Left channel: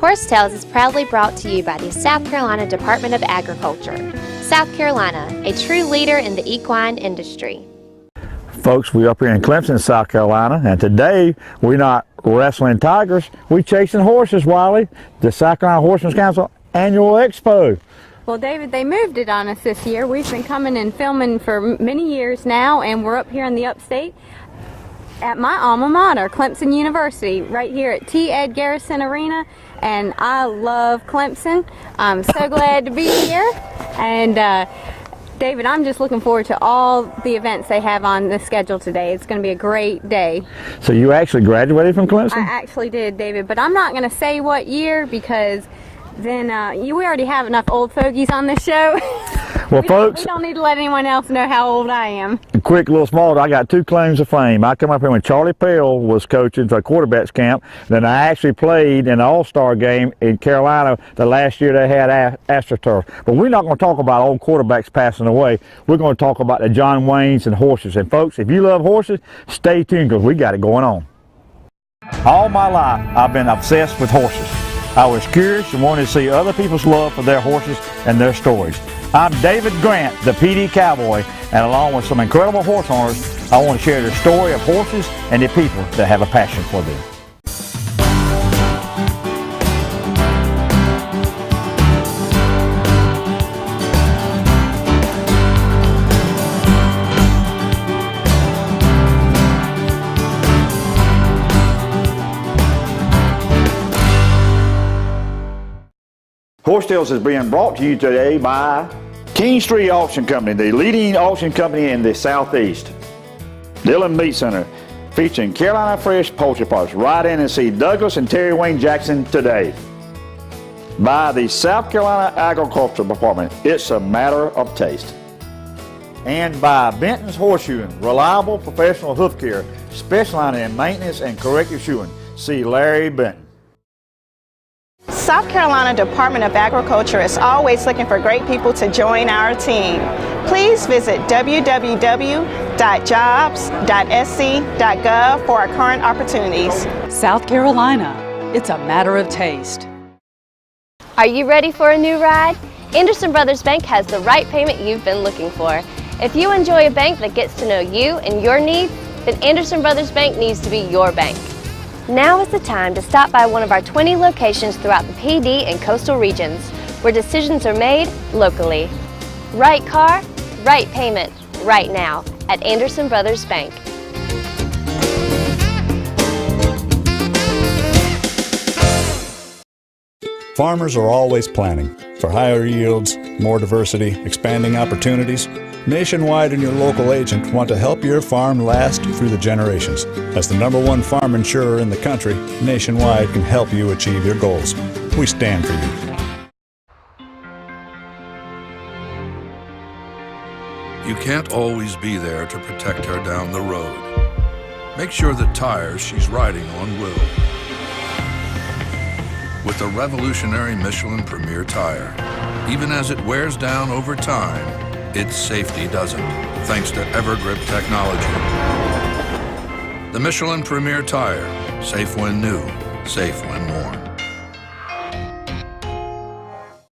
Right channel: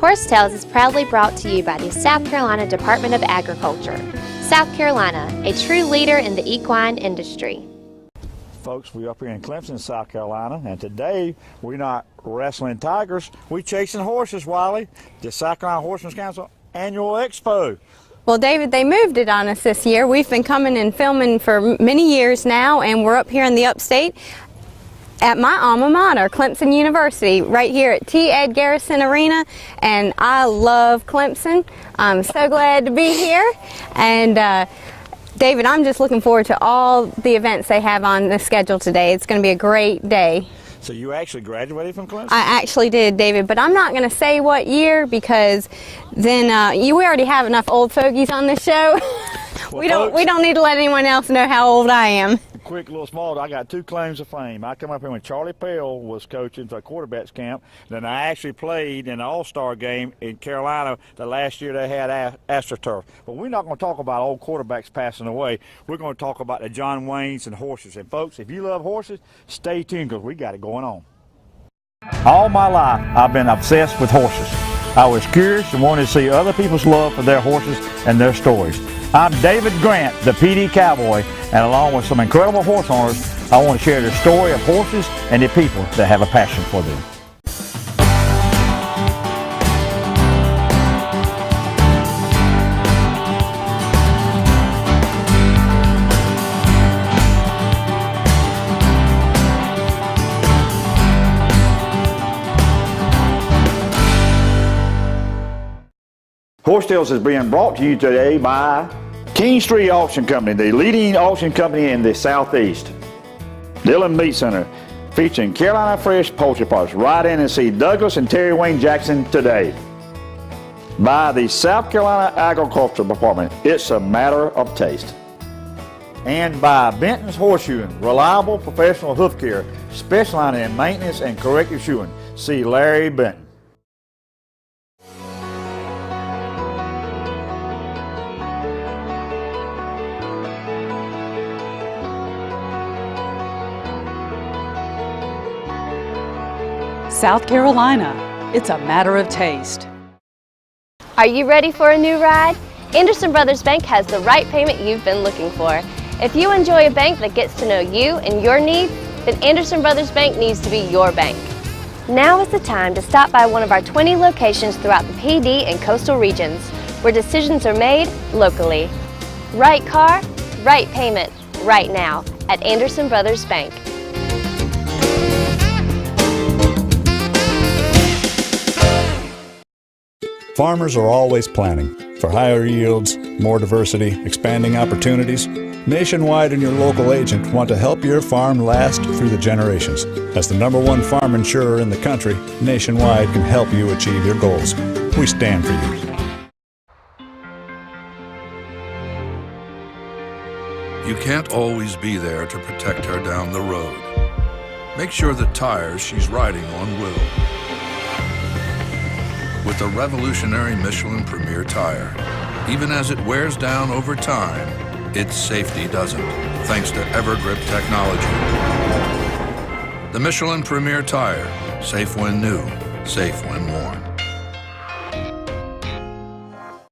Horse Tales is proudly brought to you by the South Carolina Department of Agriculture. South Carolina, a true leader in the equine industry. Folks, we're up here in Clemson, South Carolina, and today we're not wrestling tigers, we're chasing horses, Wiley. The South Carolina Horsemen's Council Annual Expo. Well, David, they moved it on us this year. We've been coming and filming for many years now, and we're up here in the upstate at my alma mater, Clemson University, right here at Garrrison Arena, and I love Clemson. I'm so glad to be here, and David, I'm just looking forward to all the events they have on the schedule today. It's going to be a great day. So you actually graduated from Clemson? I actually did, David, but I'm not going to say what year because then we already have enough old fogies on this show. Well, we don't need to let anyone else know how old I am. Quick little small, I got two claims to fame. I come up here when Charlie Pell was coaching for a quarterback's camp. Then I actually played in the All-Star game in Carolina the last year they had AstroTurf. But we're not going to talk about old quarterbacks passing away. We're going to talk about the John Waynes and horses. And folks, if you love horses, stay tuned because we got it going on. All my life, I've been obsessed with horses. I was curious and wanted to see other people's love for their horses and their stories. I'm David Grant, the PD Cowboy, and along with some incredible horse owners, I want to share the story of horses and the people that have a passion for them. Horse Tales is being brought to you today by KINGSTREE Auction Company, the leading auction company in the Southeast. Dillon Meat Center, featuring Carolina fresh poultry parts. Ride in and see Douglas and Terry Wayne Jackson today. By the South Carolina Agriculture Department, it's a matter of taste. And by Benton'S Horseshoeing, reliable professional hoof care, specializing in maintenance and corrective shoeing. See Larry Benton. South Carolina Department of Agriculture is always looking for great people to join our team. Please visit www.jobs.sc.gov for our current opportunities. South Carolina, it's a matter of taste. Are you ready for a new ride? Anderson Brothers Bank has the right payment you've been looking for. If you enjoy a bank that gets to know you and your needs, then Anderson Brothers Bank needs to be your bank. Now is the time to stop by one of our 20 locations throughout the PD and coastal regions, where decisions are made locally. Right car, right payment, right now at Anderson Brothers Bank. Farmers are always planning for higher yields, more diversity, expanding opportunities. Nationwide and your local agent want to help your farm last through the generations. As the #1 farm insurer in the country, Nationwide can help you achieve your goals. We stand for you. You can't always be there to protect her down the road. Make sure the tires she's riding on will. With the revolutionary Michelin Premier Tire, even as it wears down over time, its safety doesn't, thanks to EverGrip technology. The Michelin Premier Tire, safe when new, safe when worn.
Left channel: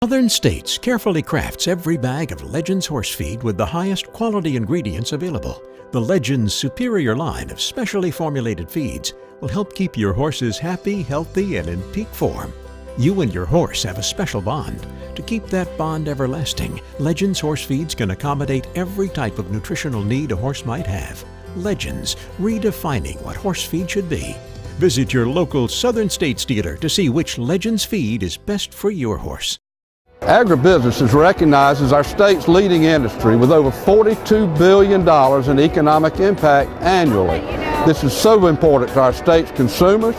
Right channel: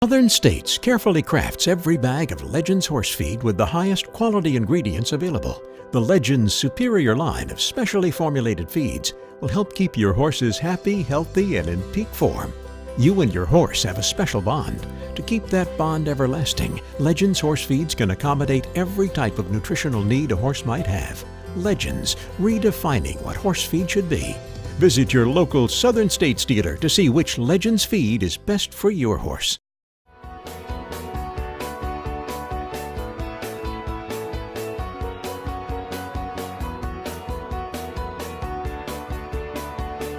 Southern States carefully crafts every bag of Legends horse feed with the highest quality ingredients available. The Legends superior line of specially formulated feeds will help keep your horses happy, healthy, and in peak form. You and your horse have a special bond. To keep that bond everlasting, Legends horse feeds can accommodate every type of nutritional need a horse might have. Legends, redefining what horse feed should be. Visit your local Southern States dealer to see which Legends feed is best for your horse. Agribusiness is recognized as our state's leading industry with over $42 billion in economic impact annually. This is so important to our state's consumers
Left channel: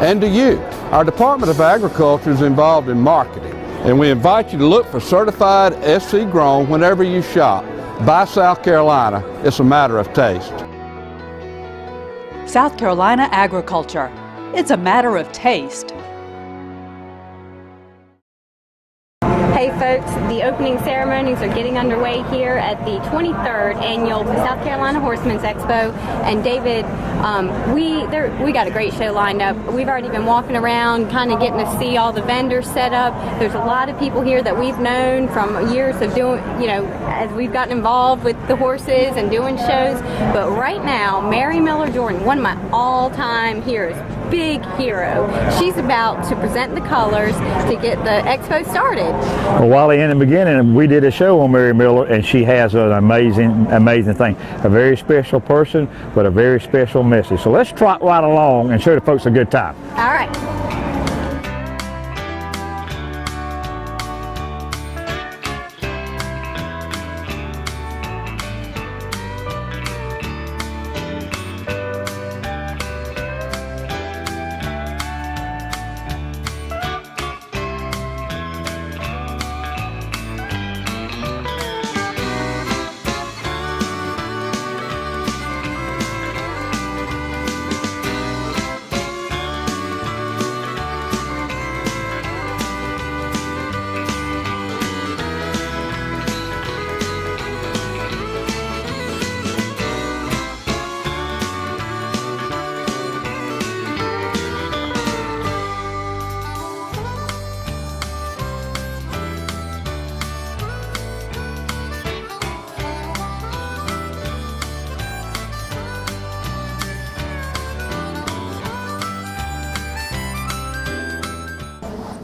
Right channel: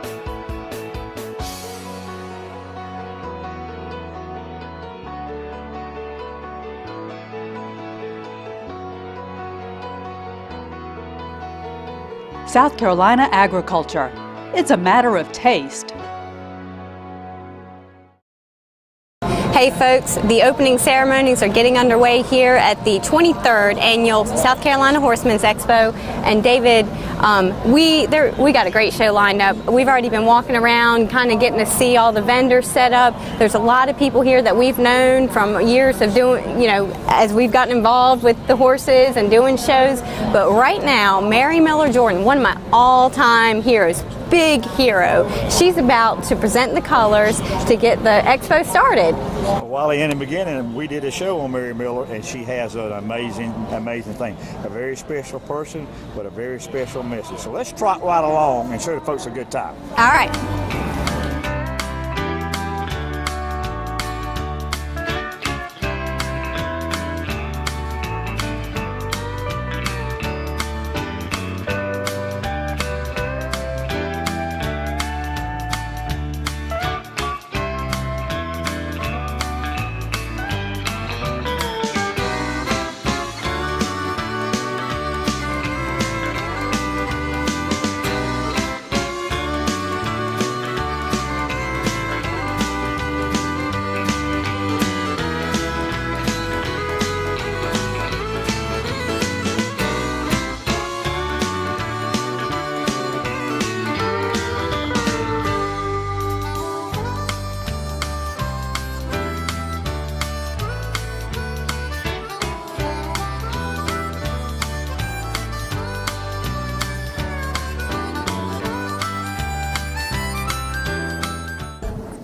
and to you. Our Department of Agriculture is involved in marketing, and we invite you to look for certified SC grown whenever you shop. Buy South Carolina, it's a matter of taste. South Carolina Agriculture, it's a matter of taste. Okay, folks, the opening ceremonies are getting underway here at the 23rd Annual South Carolina Horsemen's Expo. And David, we got a great show lined up. We've already been walking around, kind of getting to see all the vendors set up. There's a lot of people here that we've known from years of doing, as we've gotten involved with the horses and doing shows. But right now, Mary Miller Jordan, one of my all-time heroes, big hero. She's about to present the colors to get the expo started. Well, Wally, in the beginning, we did a show on Mary Miller, and she has an amazing thing. A very special person, but a very special message. So let's trot right along and show the folks a good time. All right.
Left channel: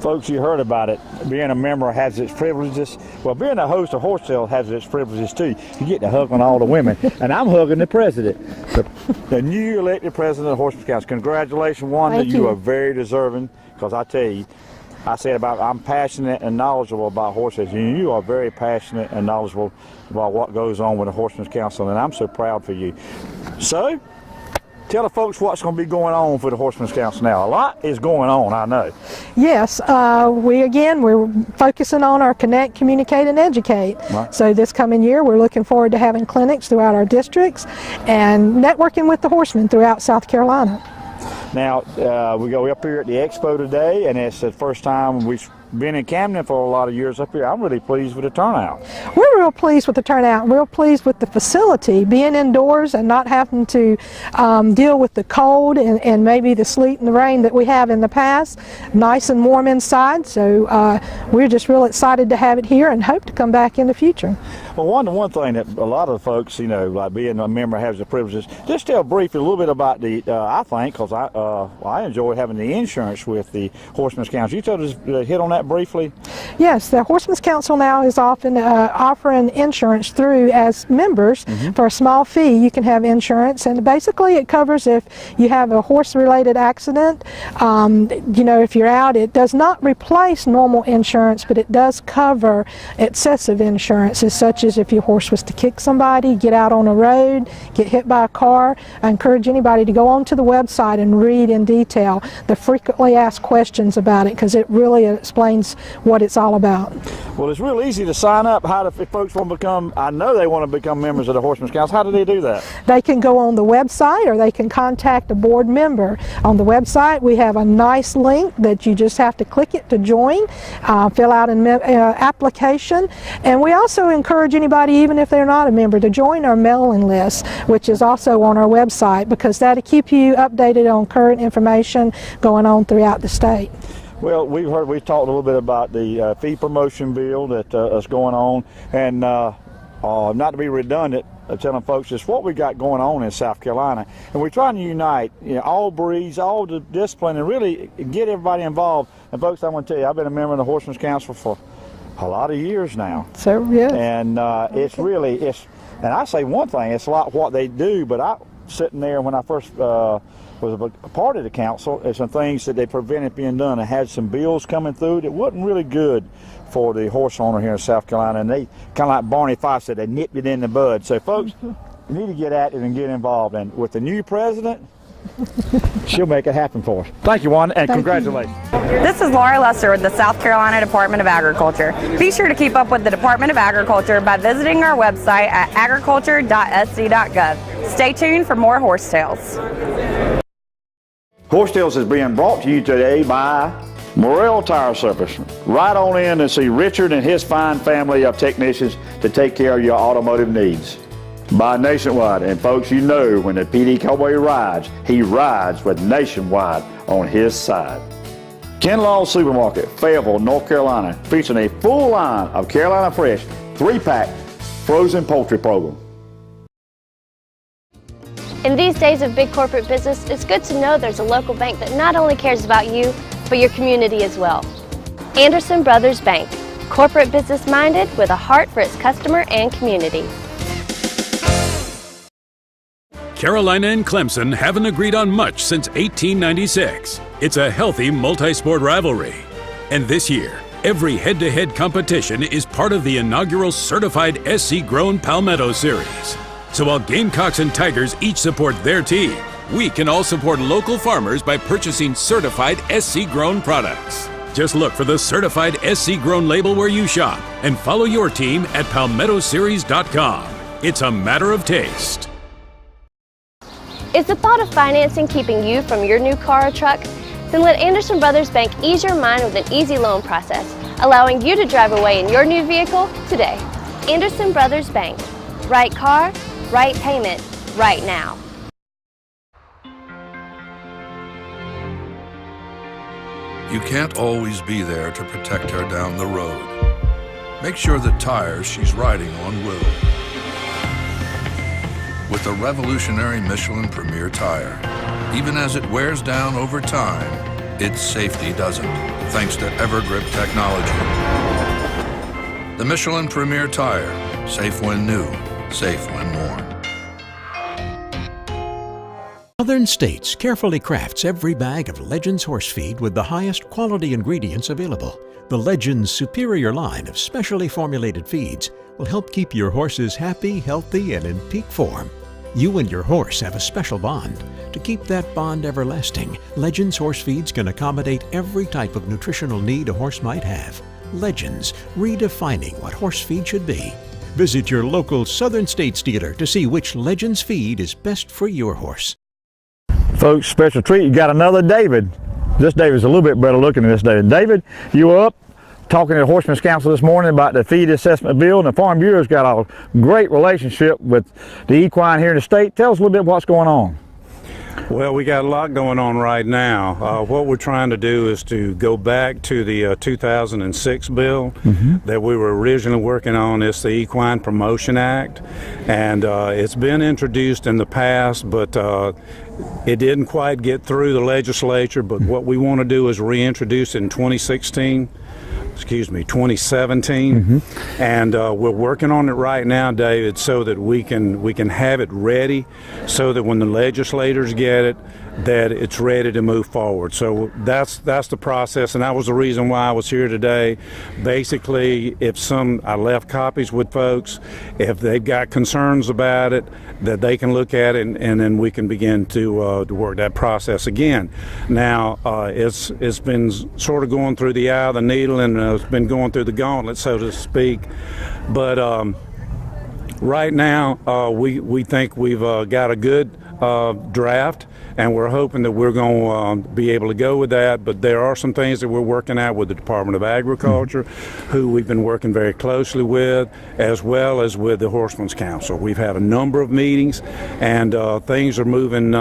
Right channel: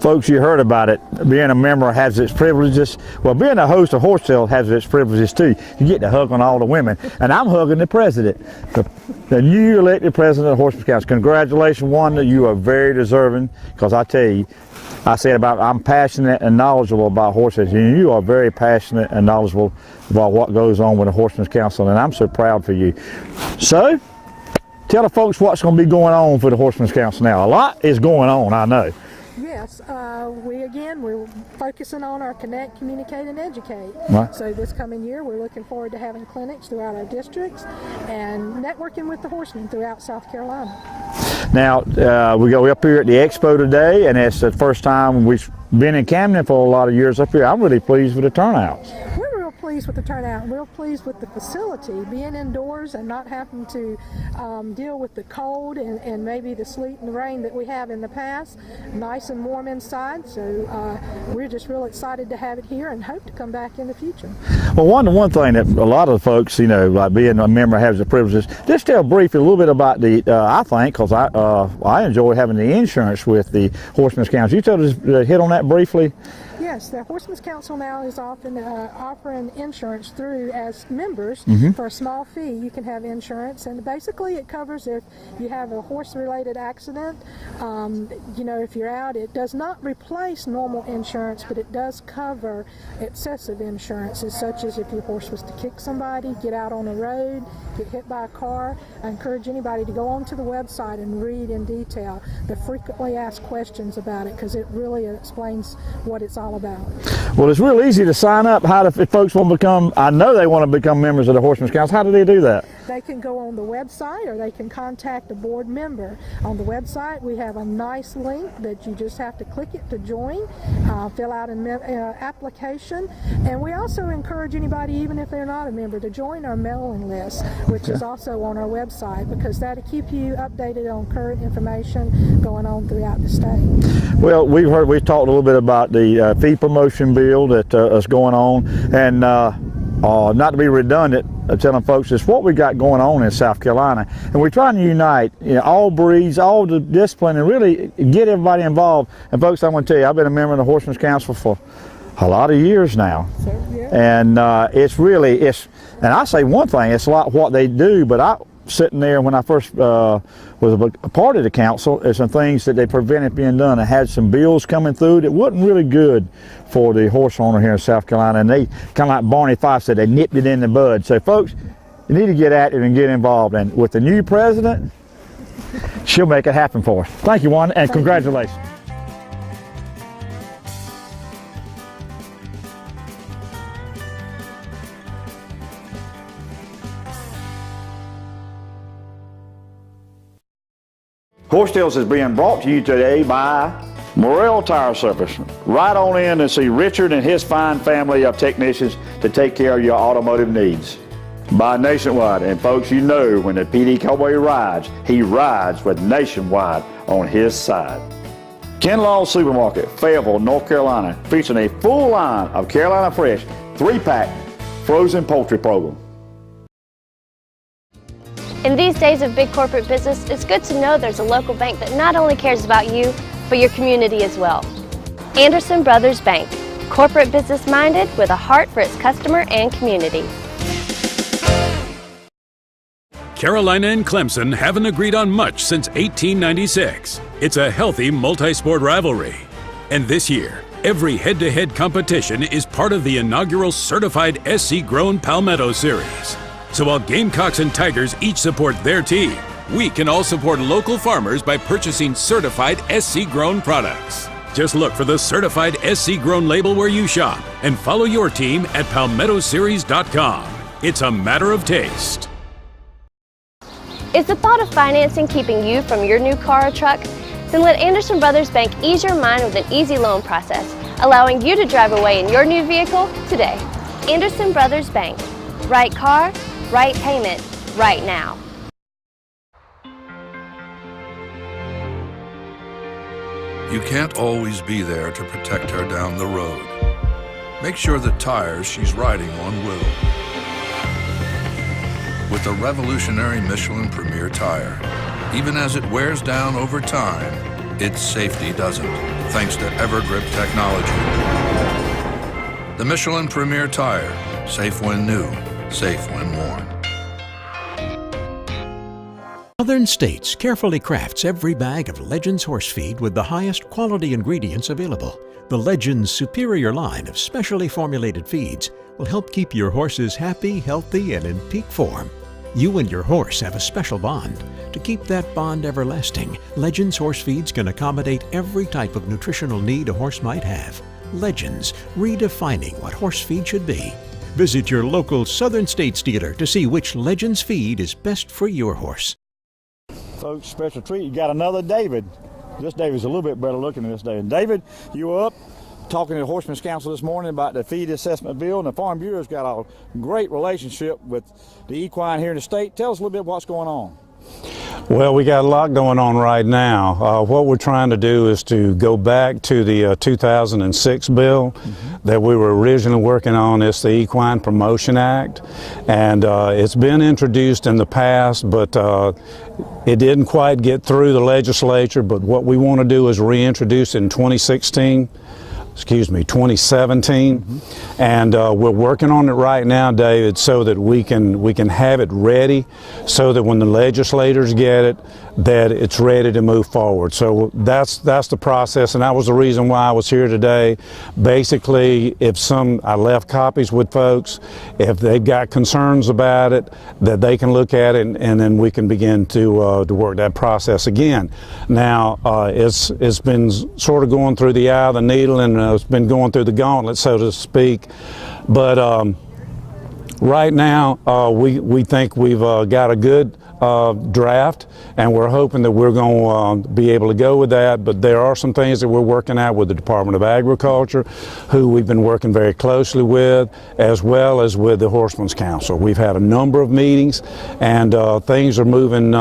Folks, you heard about it. Being a member has its privileges. Well, being a host of horse sale has its privileges too. You get to hug on all the women, and I'm hugging the president, the new elected president of Horsemen's Council. Congratulations, Wanda. You are very deserving, because I tell you, I said about I'm passionate and knowledgeable about horses, and you are very passionate and knowledgeable about what goes on with the Horsemen's Council, and I'm so proud for you. So, tell the folks what's going to be going on for the Horsemen's Council now. A lot is going on, I know. Yes, we're focusing on our connect, communicate, and educate. Right. So this coming year, we're looking forward to having clinics throughout our districts and networking with the horsemen throughout South Carolina. Now, we're up here at the expo today, and it's the first time we've been in Camden for a lot of years up here. I'm really pleased with the turnout. We're real pleased with the turnout, real pleased with the facility, being indoors and not having to deal with the cold and maybe the sleet and the rain that we have in the past. Nice and warm inside, so we're just real excited to have it here and hope to come back in the future. Well, one thing that a lot of the folks, like being a member has the privileges, just tell briefly a little bit about the, I think, because I enjoy having the insurance with the Horsemen's Council. You tell us, hit on that briefly? Yes, the Horsemen's Council now is often offering insurance through as members. For a small fee. You can have insurance, and basically it covers if you have a horse-related accident. If you're out, it does not replace normal insurance, but it does cover excessive insurances, such as if your horse was to kick somebody, get out on a road, get hit by a car. I encourage anybody to go onto the website and read in detail the frequently asked questions about it, because it really explains what it's all about. Well, it's real easy to sign up. If folks want to become, I know they want to become members of the Horsemen's Council, how do they do that? They can go on the website, or they can contact a board member. On the website, we have a nice link that you just have to click it to join, fill out an application, and we also encourage anybody, even if they're not a member, to join our mailing list, which is also on our website, because that'll keep you updated on current information going on throughout the state. Well, we've talked a little bit about the fee promotion bill that is going on, and not to be redundant, telling folks it's what we got going on in South Carolina, and we're trying to unite all breeds, all the discipline, and really get everybody involved. And folks, I'm going to tell you, I've been a member of the Horsemen's Council for a lot of years now. So yeah. And and I say one thing, it's a lot what they do, but I sitting there when I first was a part of the council, there's some things that they prevented being done. I had some bills coming through that wasn't really good for the horse owner here in South Carolina, and they, kind of like Barney Fife said, they nipped it in the bud. So folks, you need to get at it and get involved, and with the new president, she'll make it happen for us. Thank you, Juan, and congratulations. This is Laura Lester with the South Carolina Department of Agriculture. Be sure to keep up with the Department of Agriculture by visiting our website at agriculture.sc.gov. Stay tuned for more Horse Tales. Horse Tales is being brought to you today by MORRELL Tire Service. Right on in and see Richard and his fine family of technicians to take care of your automotive needs. By Nationwide, and folks, you know when the PD Cowboy rides, he rides with Nationwide on his side. Ken Law's Supermarket, Fayetteville, North Carolina, featuring a full line of Carolina Fresh 3-pack frozen poultry program. In these days of big corporate business, it's good to know there's a local bank that not only cares about you, but your community as well. Anderson Brothers Bank, corporate business minded with a heart for its customer and community. Carolina and Clemson haven't agreed on much since 1896. It's a healthy multi-sport rivalry. And this year, every head-to-head competition is part of the inaugural certified SC-grown Palmetto Series. So while Gamecocks and Tigers each support their team, we can all support local farmers by purchasing certified SC-grown products. Just look for the certified SC-grown label where you shop and follow your team at palmettoseries.com. It's a matter of taste. Is the thought of financing keeping you from your new car or truck? Then let Anderson Brothers Bank ease your mind with an easy loan process, allowing you to drive away in your new vehicle today. Anderson Brothers Bank. Right car, right payment, right now. You can't always be there to protect her down the road. Make sure the tires she's riding on will. With the revolutionary Michelin Premier Tire, even as it wears down over time, its safety doesn't, thanks to EverGrip technology. The Michelin Premier Tire, safe when new, safe when worn. Southern States carefully crafts every bag of Legends horse feed with the highest quality ingredients available. The Legends superior line of specially formulated feeds will help keep your horses happy, healthy, and in peak form. You and your horse have a special bond. To keep that bond everlasting, Legends horse feeds can accommodate every type of nutritional need a horse might have. Legends, redefining what horse feed should be. Visit your local Southern States dealer to see which Legends feed is best for your horse. Folks, special treat, you got another David. This David's a little bit better looking than this David. David, you were up talking to the Horsemen's Council this morning about the feed assessment bill, and the Farm Bureau's got a great relationship with the equine here in the state. Tell us a little bit what's going on. Well, we got a lot going on right now. What we're trying to do is to go back to the 2006 bill that we were originally working on. It's the Equine Promotion Act, and it's been introduced in the past, but it didn't quite get through the legislature. But what we want to do is reintroduce it in 2017, and we're working on it right now, David, so that we can have it ready, so that when the legislators get it, that it's ready to move forward. So that's the process, and that was the reason why I was here today. Basically, I left copies with folks. If they've got concerns about it, that they can look at it, and then we can begin to work that process again. Now, it's been sort of going through the eye of the needle, and it's been going through the gauntlet, so to speak. But right now, we think we've got a good draft, and we're hoping that we're going to be able to go with that. But there are some things that we're working out with the Department of Agriculture, who we've been working very closely with, as well as with the Horsemen's Council. We've had a number of meetings, and things are moving,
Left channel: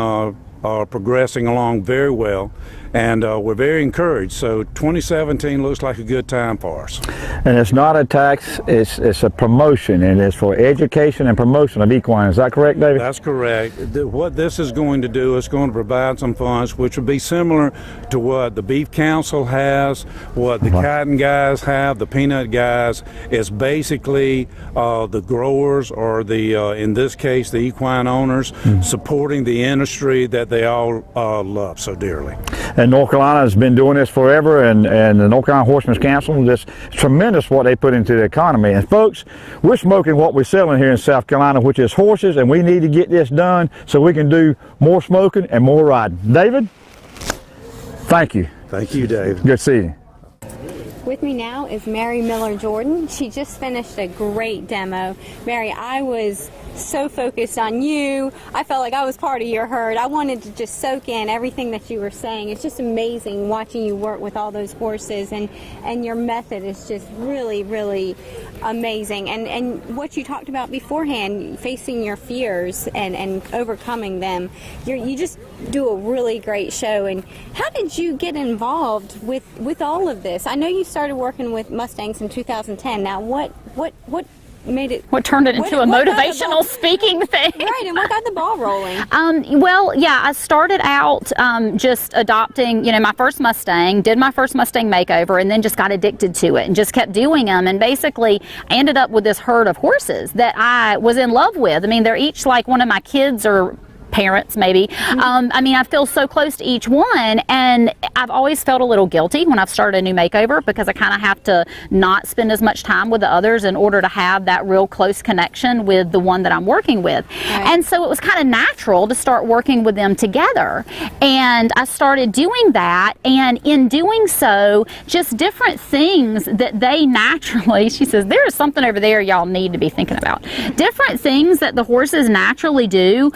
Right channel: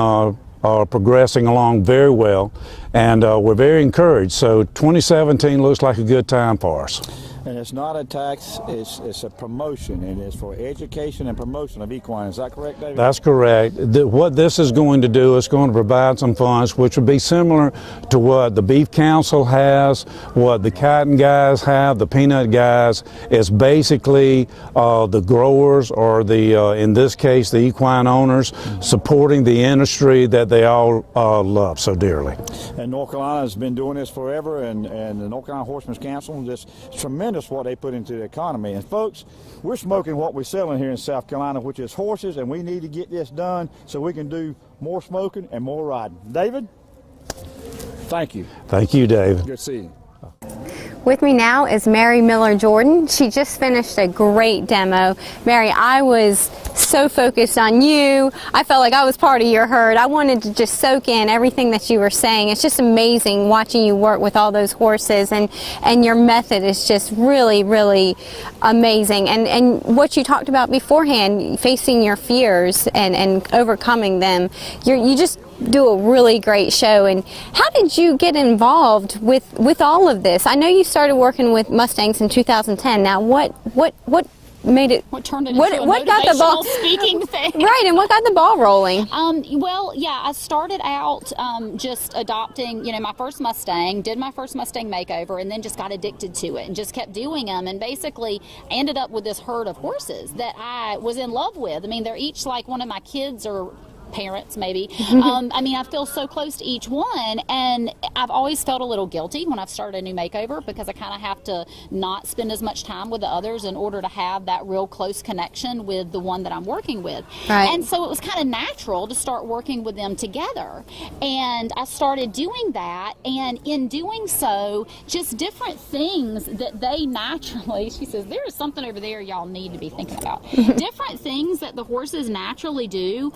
progressing along very well, and we're very encouraged. So 2017 looks like a good time for us. And it's not a tax, it's a promotion, and it's for education and promotion of equine. Is that correct, David? That's correct. What this is going to do is going to provide some funds which would be similar to what the Beef Council has, what the cotton guys have, the peanut guys. It's basically the growers, or the in this case the equine owners, supporting the industry that they all love so dearly. And North Carolina has been doing this forever, and the North Carolina Horsemen's Council, it's tremendous what they put into the economy. And folks, we're smoking what we're selling here in South Carolina, which is horses, and we need to get this done so we can do more smoking and more riding. David, thank you. Thank you, David. Good to see you. With me now is Mary Miller-Jordan. She just finished a great demo. Mary, I was so focused on you. I felt like I was part of your herd. I wanted to just soak in everything that you were saying. It's just amazing watching you work with all those horses, and your method is just really, really amazing. And what you talked about beforehand, facing your fears and overcoming them, you just do a really great show. And how did you get involved with all of this? I know you started working with Mustangs in 2010. Now what made it, what turned it into a motivational speaking thing? Right, and what got the ball rolling? Well, yeah, I started out just adopting, my first Mustang, did my first Mustang makeover, and then just got addicted to it and just kept doing them, and basically ended up with this herd of horses that I was in love with. I mean, they're each like one of my kids or parents, maybe. I mean, I feel so close to each one, and I've always felt a little guilty when I've started a new makeover, because I kind of have to not spend as much time with the others in order to have that real close connection with the one that I'm working with. Right. And so it was kind of natural to start working with them together, and I started doing that, and in doing so, just different things that they naturally, she says, there's something over there y'all need to be thinking about. Different things that the horses naturally do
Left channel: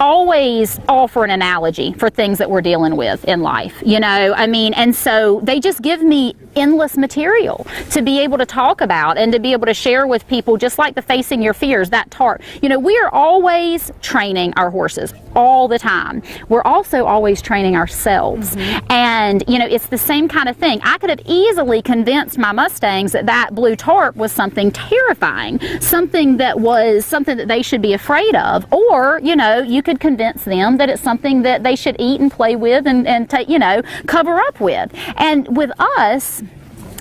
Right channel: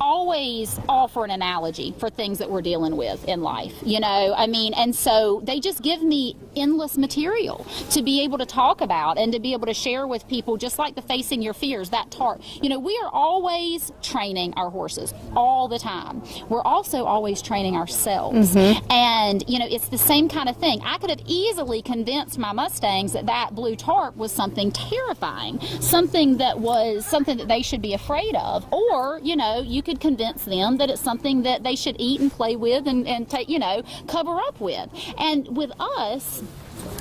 always offer an analogy for things that we're dealing with in life, I mean, and so they just give me endless material to be able to talk about and to be able to share with people, just like the facing your fears, that TARP. We are always training our horses all the time. We're also always training ourselves. And, it's the same kind of thing. I could have easily convinced my Mustangs that blue TARP was something terrifying, something that they should be afraid of, or, you could convince them that it's something that they should eat and play with and cover up with. And with us,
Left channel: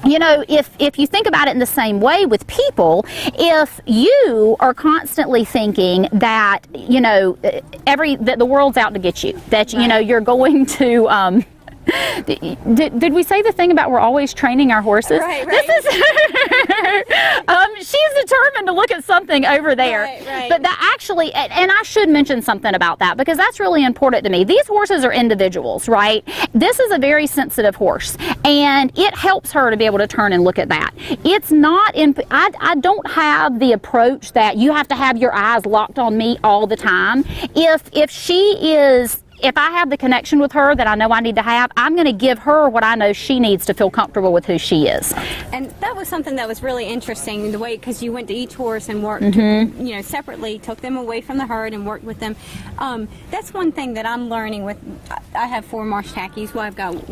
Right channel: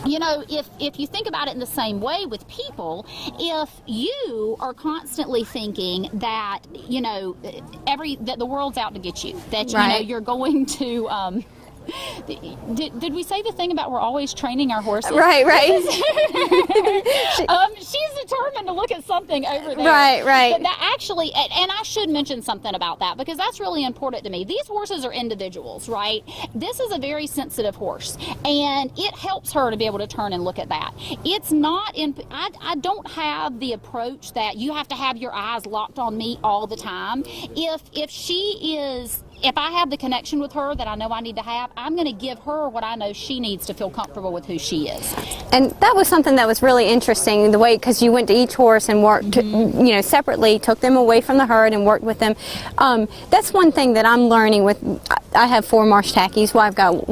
if you think about it in the same way with people, if you are constantly thinking that, that the world's out to get you, that, you're going to, did we say the thing about we're always training our horses? Right. She's determined to look at something over there. Right. But that actually, and I should mention something about that, because that's really important to me. These horses are individuals, right? This is a very sensitive horse, and it helps her to be able to turn and look at that. It's not I don't have the approach that you have to have your eyes locked on me all the time. If I have the connection with her that I know I need to have, I'm going to give her what I know she needs to feel comfortable with who she is. And that was something that was really interesting, the way, because you went to each horse and worked, separately, took them away from the herd and worked with them. That's one thing that I'm learning with. I have 4 marsh tackies. Well, I've got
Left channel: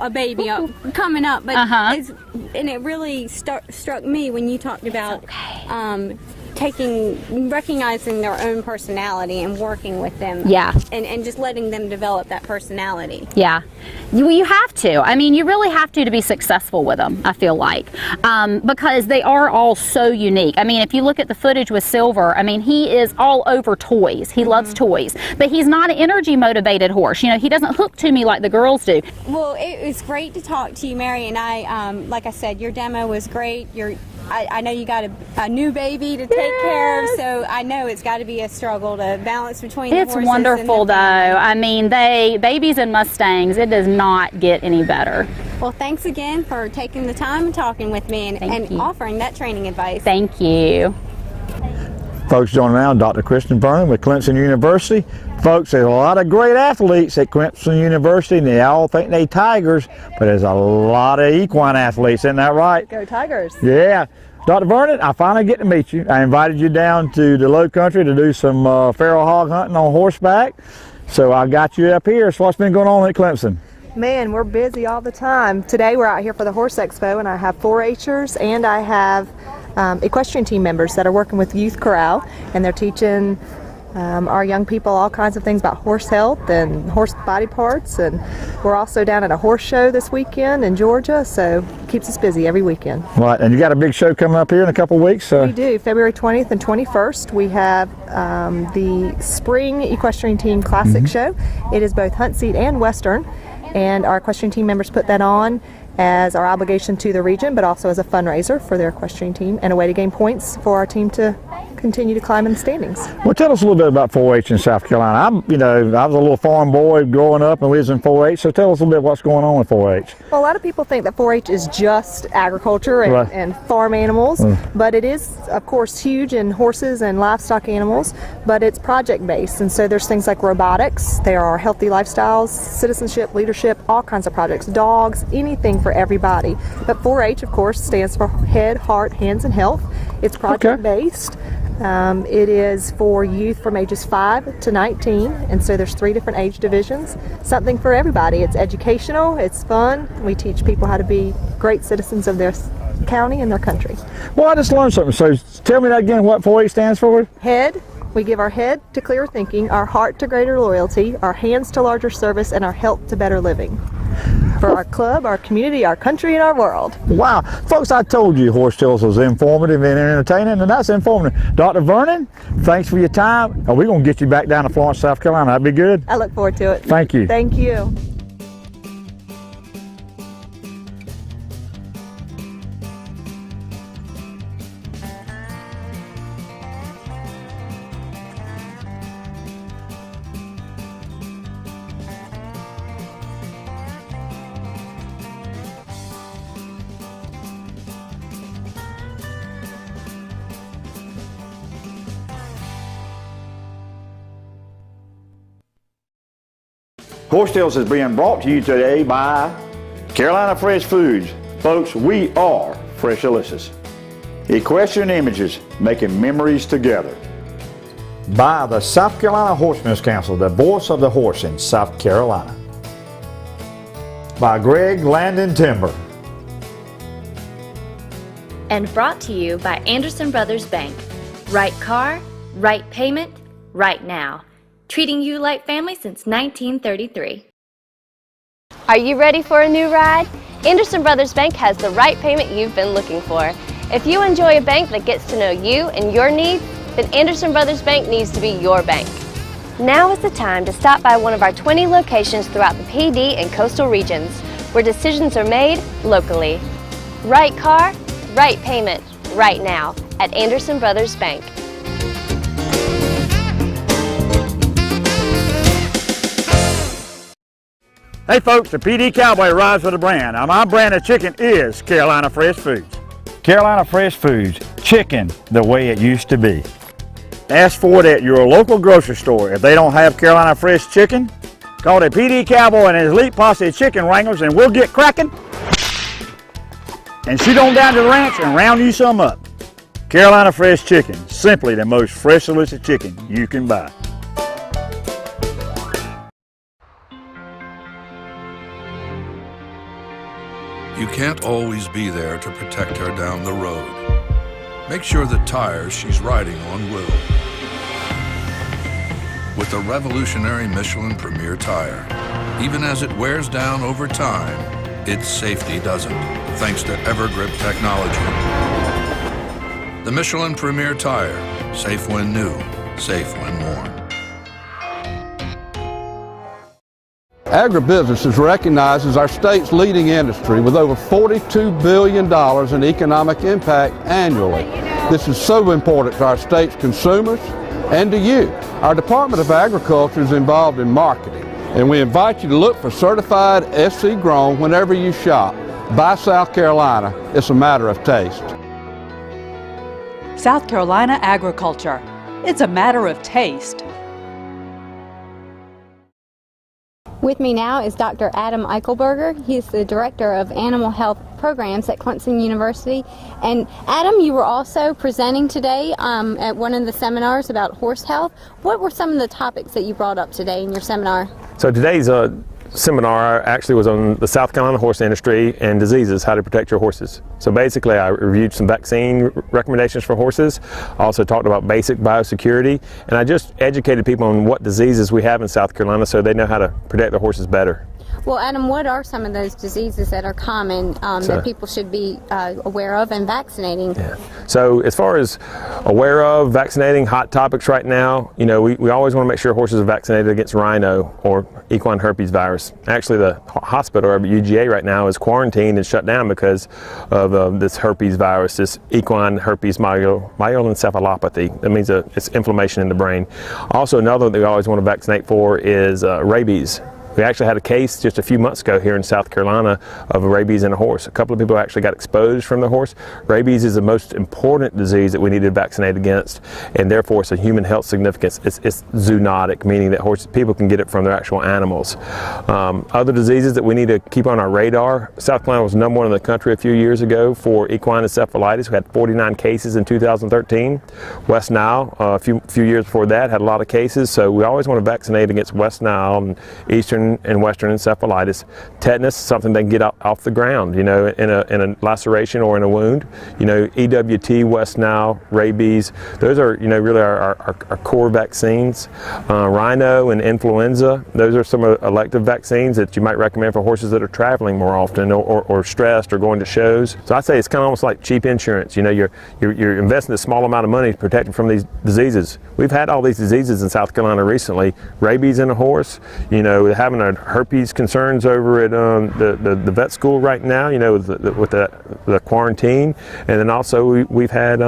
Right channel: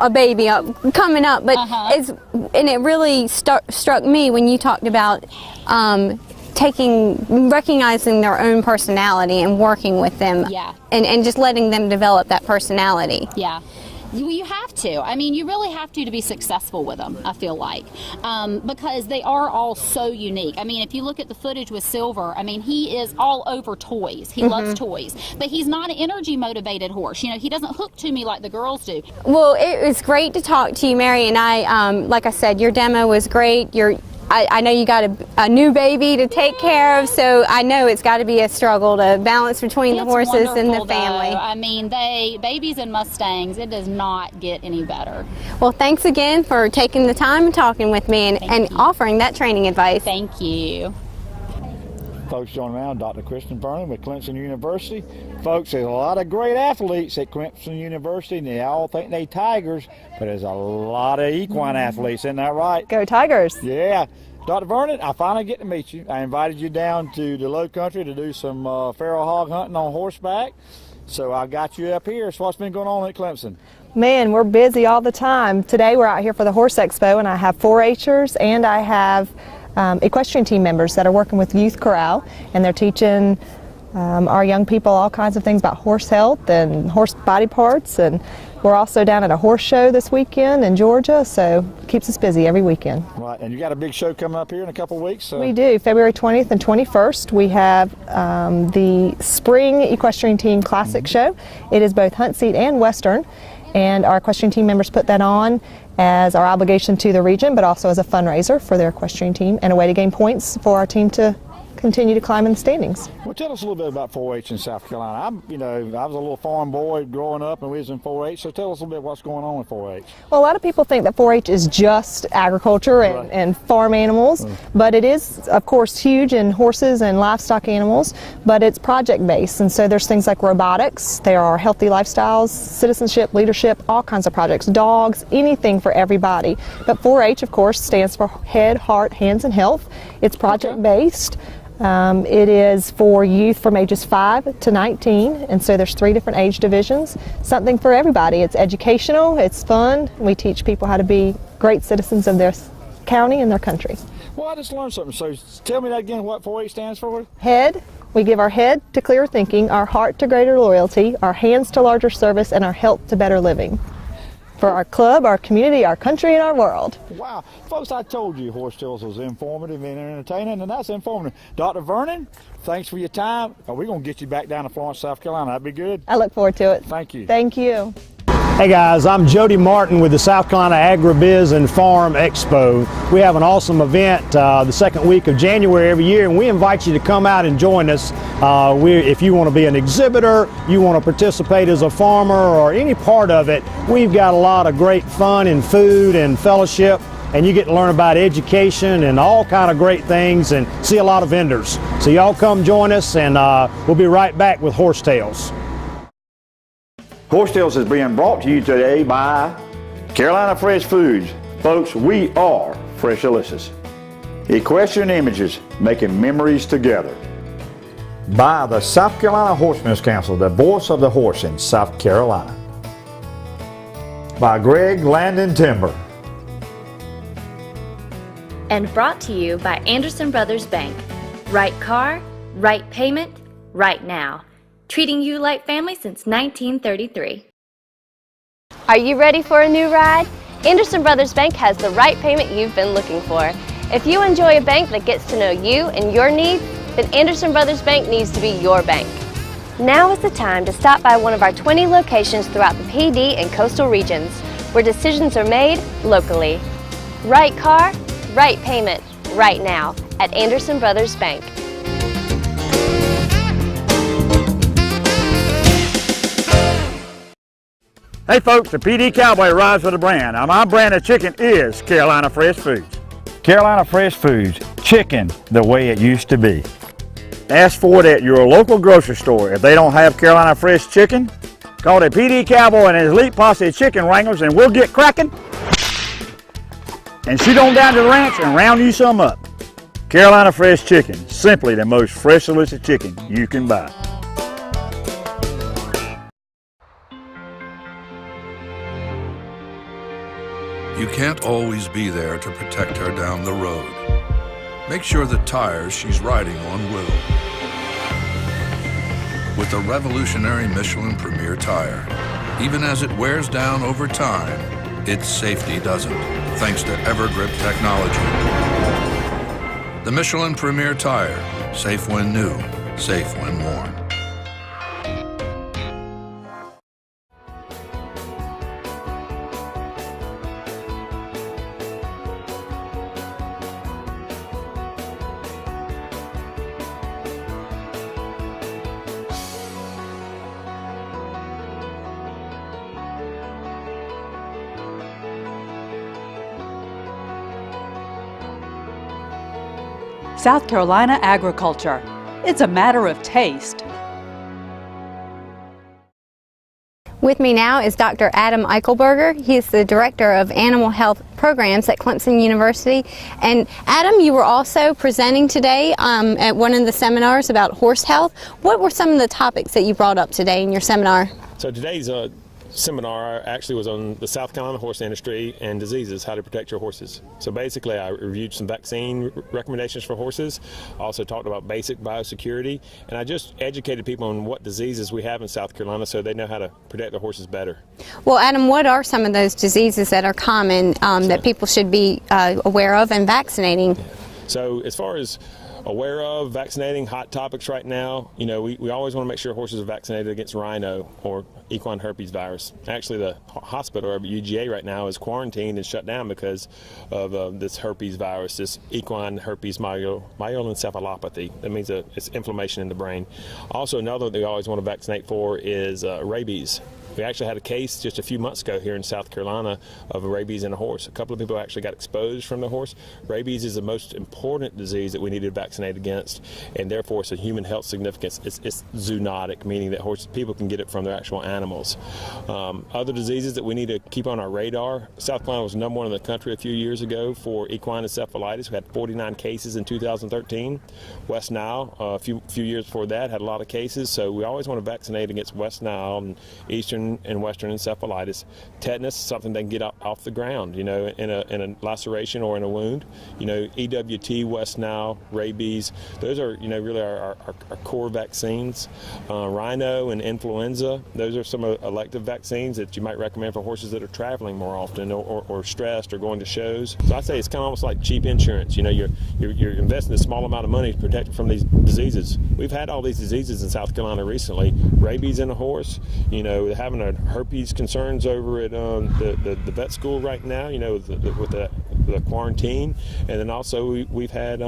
a baby coming up, but and it really struck me when you talked about. Recognizing their own personality and working with them. Yeah. And just letting them develop that personality. Yeah. You have to. I mean, you really have to be successful with them, I feel like, because they are all so unique. I mean, if you look at the footage with Silver, I mean, he is all over toys. He loves toys, but he's not an energy motivated horse. He doesn't hook to me like the girls do. Well, it was great to talk to you, Mary, and I, like I said, your demo was great. I know you got a new baby to take care of, so I know it's got to be a struggle to balance between the horses and the family. It's wonderful, though. I mean, babies and Mustangs, it does not get any better. Well, thanks again for taking the time and talking with me and offering that training advice. Thank you. Folks, joining now, Dr. Kristen Vernon with Clemson University. Folks, there's a lot of great athletes at Clemson University, and they all think they Tigers, but there's a lot of equine athletes, isn't that right? Go Tigers. Yeah. Dr. Vernon, I finally get to meet you. I invited you down to the Low Country to do some feral hog hunting on horseback, so I got you up here. So what's been going on at Clemson? Man, we're busy all the time. Today we're out here for the Horse Expo, and I have 4-H'ers, and I have equestrian team members that are working with Youth Corral, and they're teaching our young people all kinds of things about horse health and horse body parts. And we're also down at a horse show this weekend in Georgia, so it keeps us busy every weekend. Right, and you got a big show coming up here in a couple of weeks. So. We do. February 20th and 21st, we have the Spring Equestrian Team Classic Show. It is both hunt seat and Western, and our equestrian team members put that on as our obligation to the region, but also as a fundraiser for their equestrian team and a way to gain points for our team to continue to climb in the standings. Well, tell us a little bit about 4-H in South Carolina. I was a little farm boy growing up, and we was in 4-H, so tell us a little bit what's going on with 4-H. Well, a lot of people think that 4-H is just agriculture and farm animals, but it is, of course, huge in horses and livestock animals, but it's project-based, and so there's things like robotics, there are healthy lifestyles, citizenship, leadership, all kinds of projects, dogs, anything for everybody. But 4-H, of course, stands for Head, Heart, Hands, and Health. It's project-based. It is for youth from ages 5 to 19, and so there's 3 different age divisions. Something for everybody. It's educational, it's fun. We teach people how to be great citizens of their county and their country. Well, I just learned something. So tell me that again, what 4-H stands for? Head. We give our head to clearer thinking, our heart to greater loyalty, our hands to larger service, and our health to better living. For our club, our community, our country, and our world. Wow. Folks, I told you Horse Tales was informative and entertaining, and that's informative. Dr. Vernon, thanks for your time. We're going to get you back down to Florence, South Carolina. That'd be good. I look forward to it. Thank you. Thank you. Hey guys, I'm Jody Martin with the South Carolina Agribiz and Farm Expo. We have an awesome event the second week of January every year, and we invite you to come out and join us. If you want to be an exhibitor, you want to participate as a farmer or any part of it, we've got a lot of great fun and food and fellowship, and you get to learn about education and all kind of great things and see a lot of vendors. So y'all come join us, and we'll be right back with Horse Tales. Horse Tales is being brought to you today by Carolina Fresh Foods. Folks, we are Fresh Delicious. Equestrian Images, making memories together. By the South Carolina Horsemen's Council, the voice of the horse in South Carolina. By GREGG Land and Timber. And brought to you by Anderson Brothers Bank. Right car, right payment, right now. Treating you like family since 1933. Are you ready for a new ride? Anderson Brothers Bank has the right payment you've been looking for. If you enjoy a bank that gets to know you and your needs, then Anderson Brothers Bank needs to be your bank. Now is the time to stop by one of our 20 locations throughout the PD and coastal regions, where decisions are made locally. Right car, right payment, right now at Anderson Brothers Bank. Hey folks, the PD Cowboy rides with a brand. Now my brand of chicken is Carolina Fresh Foods. Carolina Fresh Foods, chicken the way it used to be. Ask for it at your local grocery store. If they don't have Carolina Fresh chicken, call the PD Cowboy and his elite posse of chicken wranglers and we'll get cracking and shoot on down to the ranch and round you some up. Carolina Fresh Chicken, simply the most fresh, delicious chicken you can buy. You can't always be there to protect her down the road. Make sure the tires she's riding on will. With the revolutionary Michelin Premier Tire, even as it wears down over time, its safety doesn't, thanks to EverGrip technology. The Michelin Premier Tire, safe when new, safe when worn. Agribusiness is recognized as our state's leading industry with over $42 billion in economic impact annually. This is so important to our state's consumers and to you. Our Department of Agriculture is involved in marketing, and we invite you to look for certified SC grown whenever you shop. Buy South Carolina. It's a matter of taste. South Carolina agriculture. It's a matter of taste. With me now is Dr. Adam Eichelberger. He's the Director of Animal Health Programs at Clemson University. And Adam, you were also presenting today at one of the seminars about horse health. What were some of the topics that you brought up today in your seminar? So today's seminar actually was on the South Carolina horse industry and diseases, how to protect your horses. So basically I reviewed some vaccine recommendations for horses, also talked about basic biosecurity, and I just educated people on what diseases we have in South Carolina so they know how to protect their horses better. Well, Adam, what are some of those diseases that are common that people should be aware of and vaccinating? Yeah. So as far as aware of vaccinating, hot topics right now, you know, we always want to make sure horses are vaccinated against rhino or equine herpes virus. Actually, the hospital or UGA right now is quarantined and shut down because of this herpes virus, this equine herpes myeloencephalopathy. That means it's inflammation in the brain. Also, another that we always want to vaccinate for is rabies. We actually had a case just a few months ago here in South Carolina of rabies in a horse. A couple of people actually got exposed from the horse. Rabies is the most important disease that we need to vaccinate against, and therefore it's a human health significance. It's zoonotic, meaning that people can get it from their actual animals. Other diseases that we need to keep on our radar. South Carolina was #1 in the country a few years ago for equine encephalitis. We had 49 cases in 2013. West Nile, a few years before that, had a lot of cases. So we always want to vaccinate against West Nile and Eastern and Western encephalitis. Tetanus, something they can get off the ground, you know, in a laceration or in a wound. You know, EWT, West Nile, rabies, those are, you know, really our core vaccines. Rhino and influenza, those are some elective vaccines that you might recommend for horses that are traveling more often or stressed or going to shows. So I say it's kind of almost like cheap insurance. You know, you're investing a small amount of money to protect them from these diseases. We've had all these diseases in South Carolina recently. Rabies in a horse, you know, having our herpes concerns over at the vet school right now, you know, with the quarantine, and then also we've had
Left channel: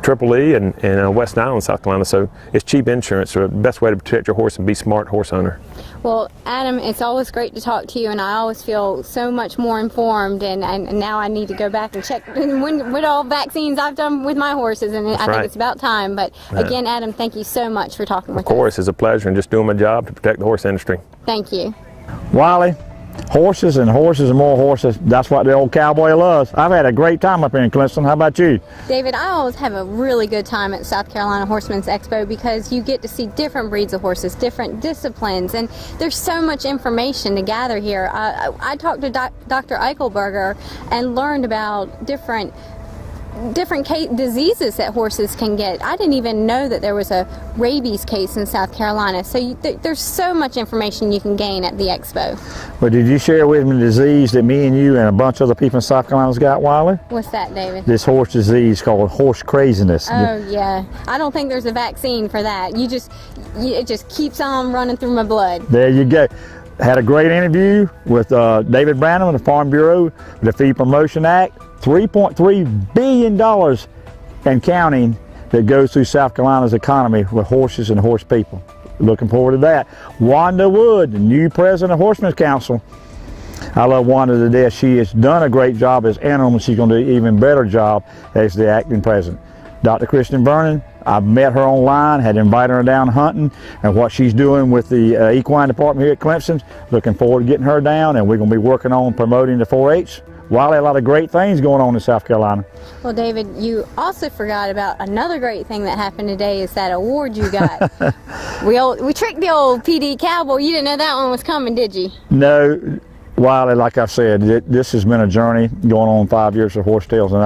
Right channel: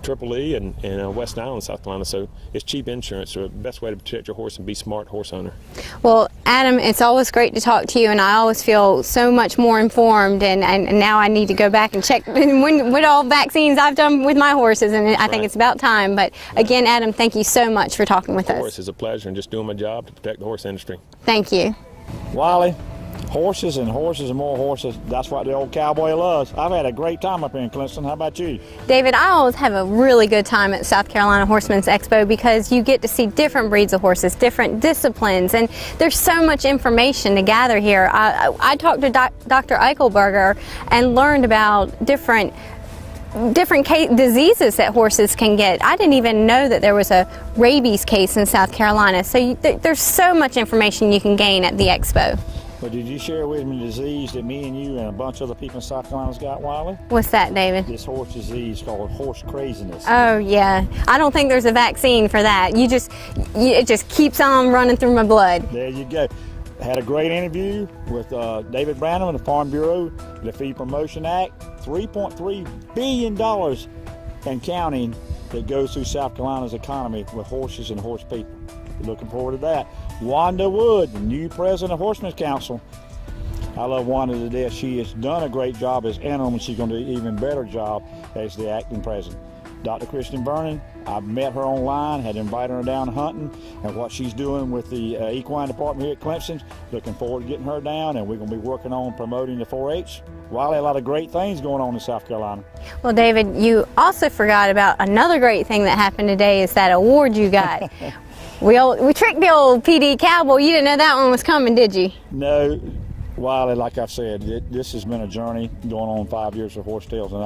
Triple E and West Nile in South Carolina. So it's cheap insurance, or the best way to protect your horse and be smart horse owner. Well, Adam, it's always great to talk to you, and I always feel so much more informed, and now I need to go back and check what all vaccines I've done with my horses, and I think it's about time. But again, Adam, thank you so much for talking with us. Of course, it's a pleasure, and just doing my job to protect the horse industry. Thank you. Wiley, horses and more horses, that's what the old cowboy loves. I've had a great time up here in Clemson. How about you? David, I always have a really good time at South Carolina Horseman's Expo because you get to see different breeds of horses, different disciplines, and there's so much information to gather here. I talked to Dr. Eichelberger and learned about different diseases that horses can get. I didn't even know that there was a rabies case in South Carolina. So there's so much information you can gain at the expo. But did you share with me the disease that me and you and a bunch of other people in South Carolina's got, Wiley? What's that, David? This horse disease called horse craziness. Oh, yeah. I don't think there's a vaccine for that. It just keeps on running through my blood. There you go. Had a great interview with David Branham of the Farm Bureau, the Feed Promotion Act, $3.3 billion and counting that goes through South Carolina's economy with horses and horse people. Looking forward to that. Wanda Wood, the new president of Horsemen's Council. I love Wanda to death. She has done a great job as interim, and she's going to do an even better job as the acting president. Dr. Kristen Vernon, I've met her online, had invited her down hunting, and what she's doing with the equine department here at Clemson, looking forward to getting her down, and we're going to be working on promoting the 4-H. Wiley, a lot of great things going on in South Carolina. Well, David, you also forgot about another great thing that happened today is that award you got. we tricked the old PD Cowboy. You didn't know that one was coming, did you? No. Wiley, like I said, this has been a journey going on 5 years of Horse Tales, and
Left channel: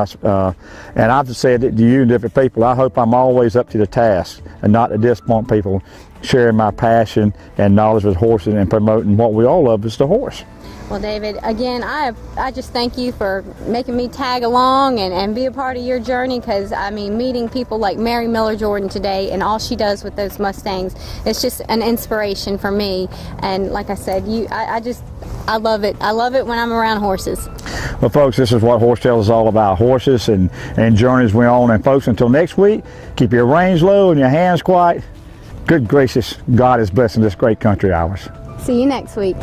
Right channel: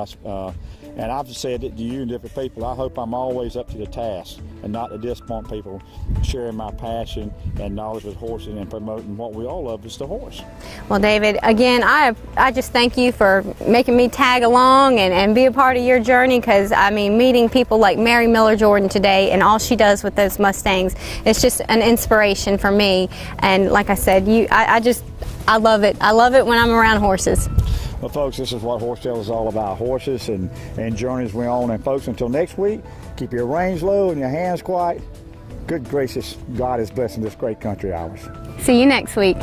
I've said it to you and different people. I hope I'm always up to the task and not to disappoint people, sharing my passion and knowledge with horses and promoting what we all love is the horse. Well, David, again, I just thank you for making me tag along and be a part of your journey, because, I mean, meeting people like Mary Miller Jordan today and all she does with those Mustangs, it's just an inspiration for me. And like I said, I love it. I love it when I'm around horses. Well, folks, this is what Horse Tales is all about, horses and journeys we're on. And folks, until next week, keep your reins low and your hands quiet. Good gracious, God is blessing this great country ours. See you next week.